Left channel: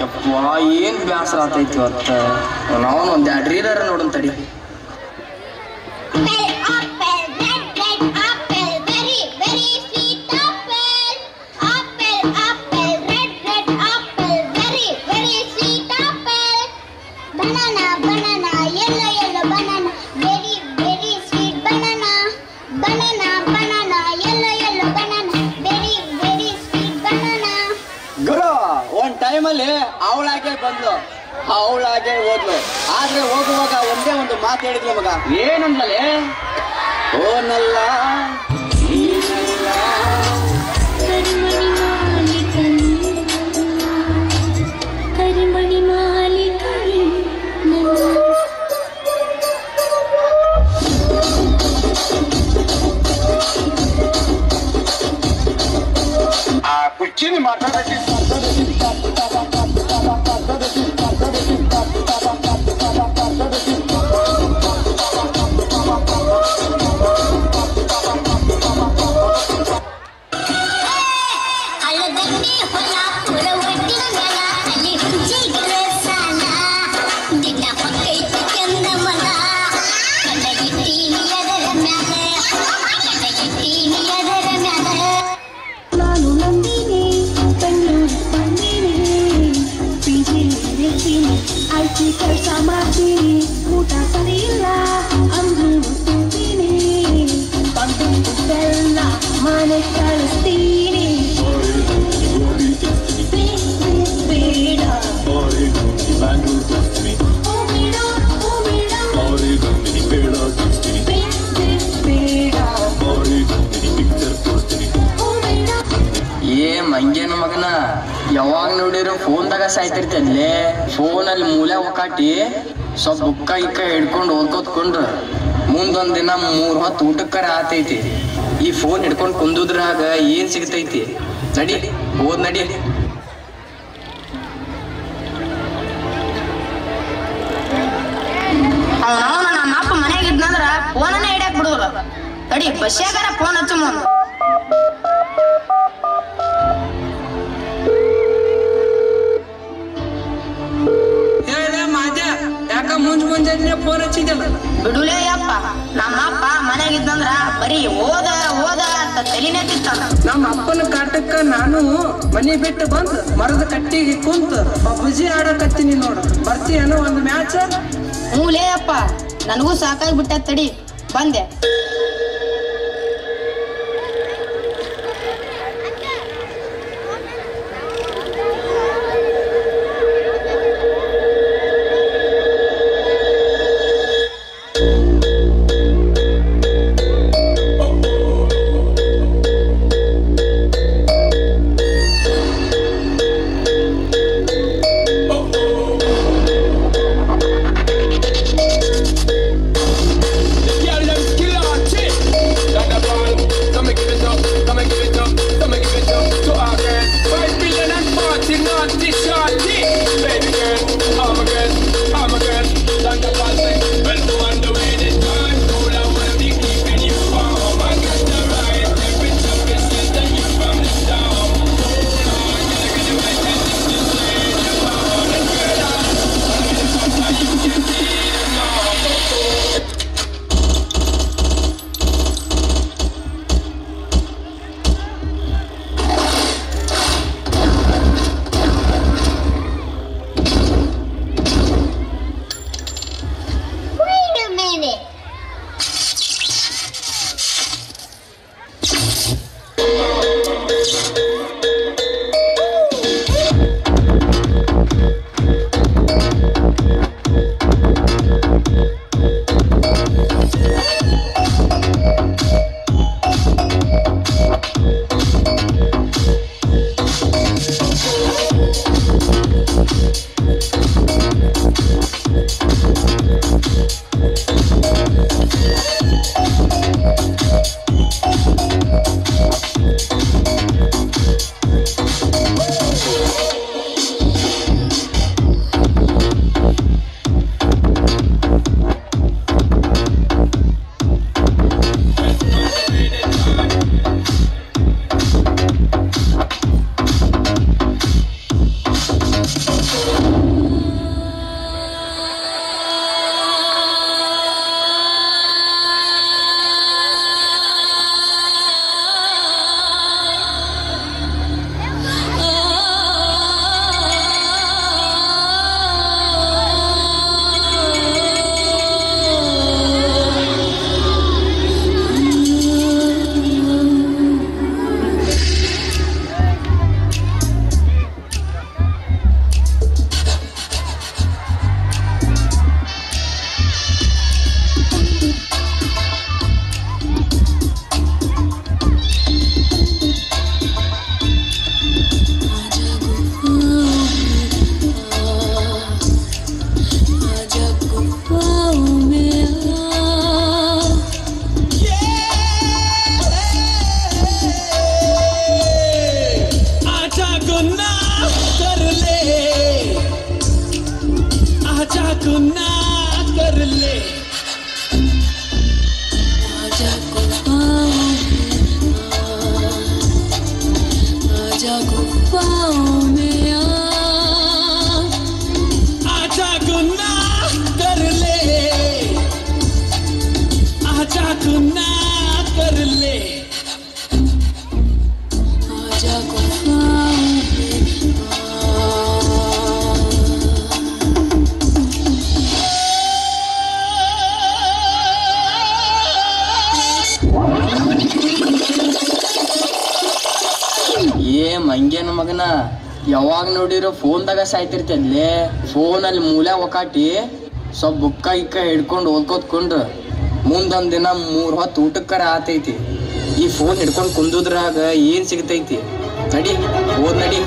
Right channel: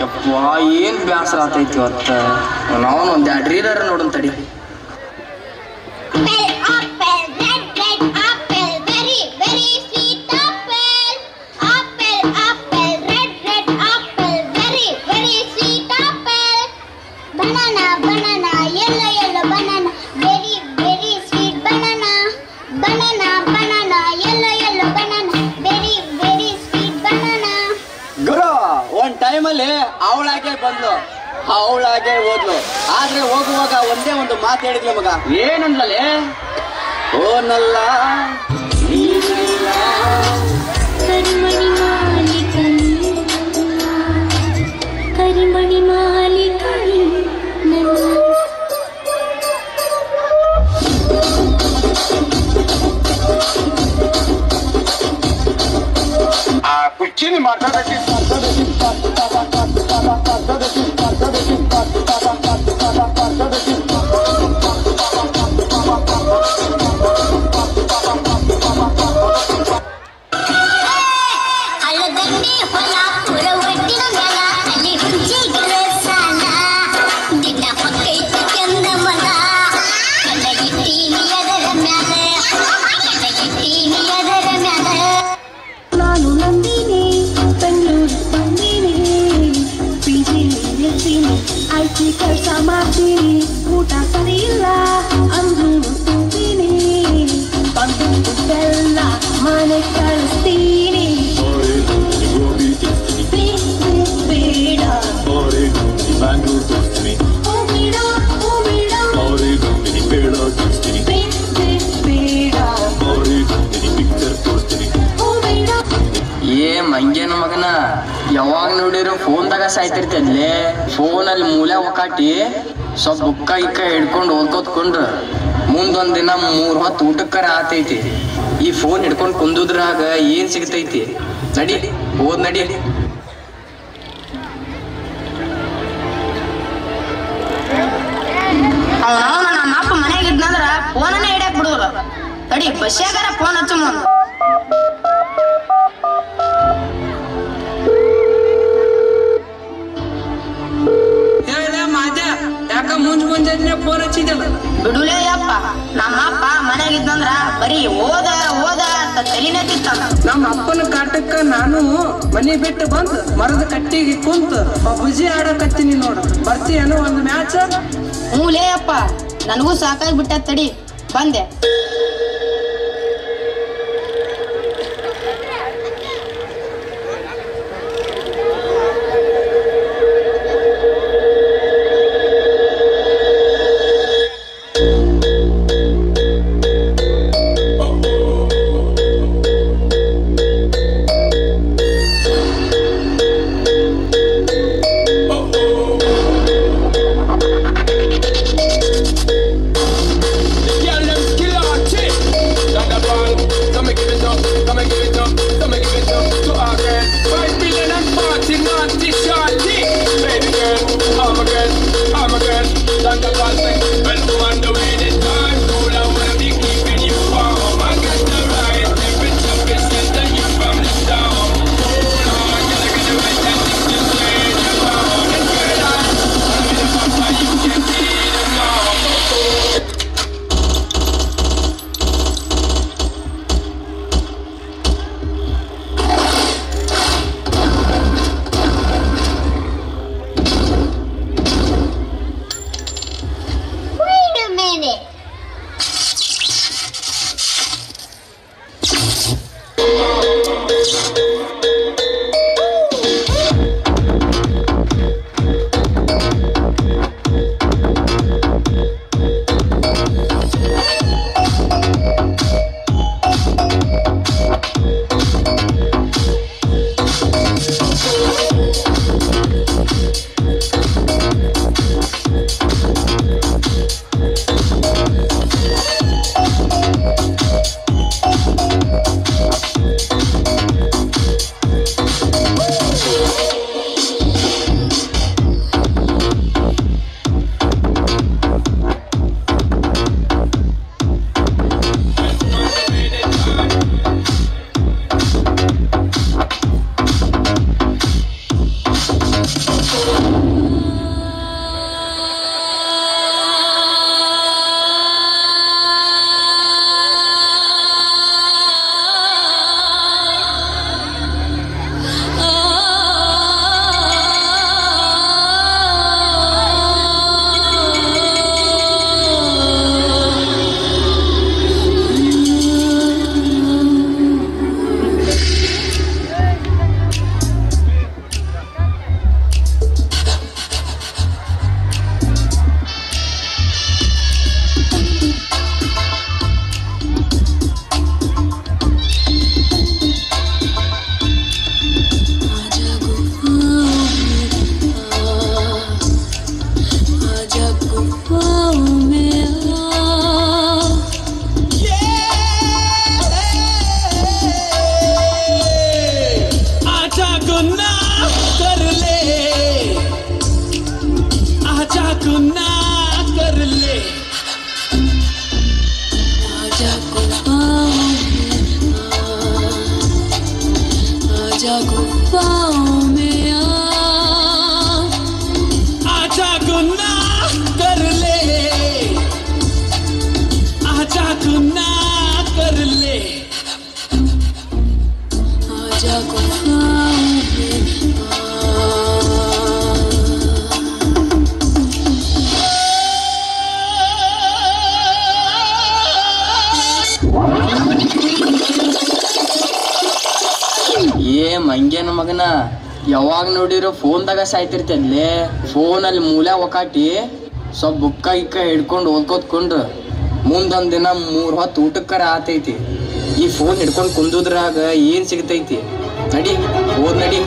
ಯಪ್ಪ ಏನು ಬ್ಯಾಸರ ಆತೈತಿ ಇವತ್ತು. ನಾವು ಒಂದು 2 ರೀಲರ್ ನೋಡೋಣ ತಡಿ. ಟೈಮಲ್ಲಿ ಅವಳಾಗೆ ಬಂದ್ಲು, ಅವಳಾಗೆ ಹೋದ್ಲು. ಆದ್ರೆ ಹೋಗುವಾಗ ಒಂದೇ ಒಂದು ಮಾತು ಹೇಳಿದ್ಲು ಮಗ. ಏನಂದ್ಲೇ? ಓನಲ್ಲ ಕರಿಮಣಿ ಮಾಲಿಕನಿ ಕುಚ್ಚಿನಿ ಮಾತಾಡಕ್ಕೆ ಕೆಲಸ ಮಾಡ್ತೀನಿ, ಊಟ ಸರಿ ಇಲ್ಲ ಅಂದ್ರೂ ತಿಂತೀನಿ, ಬಂದು ಬೆಲ್ಲ ಮನೆ ಕಳಿಸ್ತೀನಿ. ಬೇಡ ಏ ಮಂಗೇನ ಮಗನ, ಯಾವಾಗ ನೋಡಿರೋ ಫೋನ್ದಾಗ ಸಾಯ್ತಿರ್ತಲ್ಲೇ. ಫೋನಲ್ಲಿ ಮೂಲೆ ಒಕ್ಕಾಟಿ ಸ್ವಲ್ಪ ಬುಕ್ಕ ಇಕ್ಕ ಹಿಡ್ಕೊಂಡು ಓದ್ಕೋತ್ಕೊಂಡ್ರ ಮುಂದೊಂದ್ ದಿನ 3 ಹೊತ್ತು ಊಟಕ್ಕರ ಆತೈತಿ. ಈ ಫೋನ್ ಹಿಡ್ಕೊಂಡು ಕುಂದುದ್ರಾಗ ಏನ್ ಸಿಗ್ತೈತಿ? ನಡಿ ಓದ್ ನಡಿ. ನಮ್ಮ ಅಪ್ಪ ಮನೆಯಾಗಿದ್ನಂದ್ರ ಫೋನನ್ನೇ ಹಿಡಿಯಕ್ ಬಿಡುವಲ್ಲ. ತಡಿ ಬಸ್ಯಾಗಾರ ಫೋನ್ ಹಚ್ಚ ಮುಂದ. ಯಾಕ ಮುಂಜಾನೆ ಫೋನ್ ಹಚ್ಚಿದಲ್ಲ? ಬಿಡುಲೇ ಅಪ್ಪ, ನಮ್ಮಪ್ಪ ಮನೆಯಾಗಿದ್ನಂದ್ರ ಬರೀ ಓದ ಓದ ಅಂತ ತಲಿನೇ ತಿಂತಾನ. ನಮ್ಮ ಅಪ್ಪನ ಕಾಟಕ್ಕ ನಾನು ಮನಿ ಬಿಟ್ಟು ಬಂದ್ ಮರದ ಕಟ್ಟಿಗೆ ಕುಂತ ಪಬ್ಜಿ ಆಡಕತ್ತೀನಿ ನೋಡು. ಬರ್ತೀಯನೋ ಒಂದು ಮ್ಯಾಚ್? ಹ್ಞೂಲೇ ಅಪ್ಪ, ನನಗೂ ಸಾಕಾಗಿ ಬಿಟ್ಟ, ತಡಿ ಬಂದೆ. ಮಗನ ಯಾವಾಗ ನೋಡಿರೋ ಫೋನ್ದಾಗ ಸಾಯ್ತಿರ್ತಲ್ಲೇ ಫೋನಲ್ಲಿ ಮೂಲೆ ಒಕಾಟಿ ಸ್ವಲ್ಪ ಬುಕ್ಕ ಇಕ್ಕ ಹಿಡ್ಕೊಂಡು ಓದ್ಕೋತ್ಕೊಂಡು ಮುಂದೊಂದ್ ದಿನ 3 ಹೊತ್ತು ಊಟಕ್ಕರ ಆತೈತಿ. ಈ ಫೋನ್ ಹಿಡ್ಕೊಂಡು ಕುಂದುದ್ರಾಗ ಏನ್ ಸಿಗ್ತೈತಿ? ನಡಿ ಓದ್ ನಡಿ.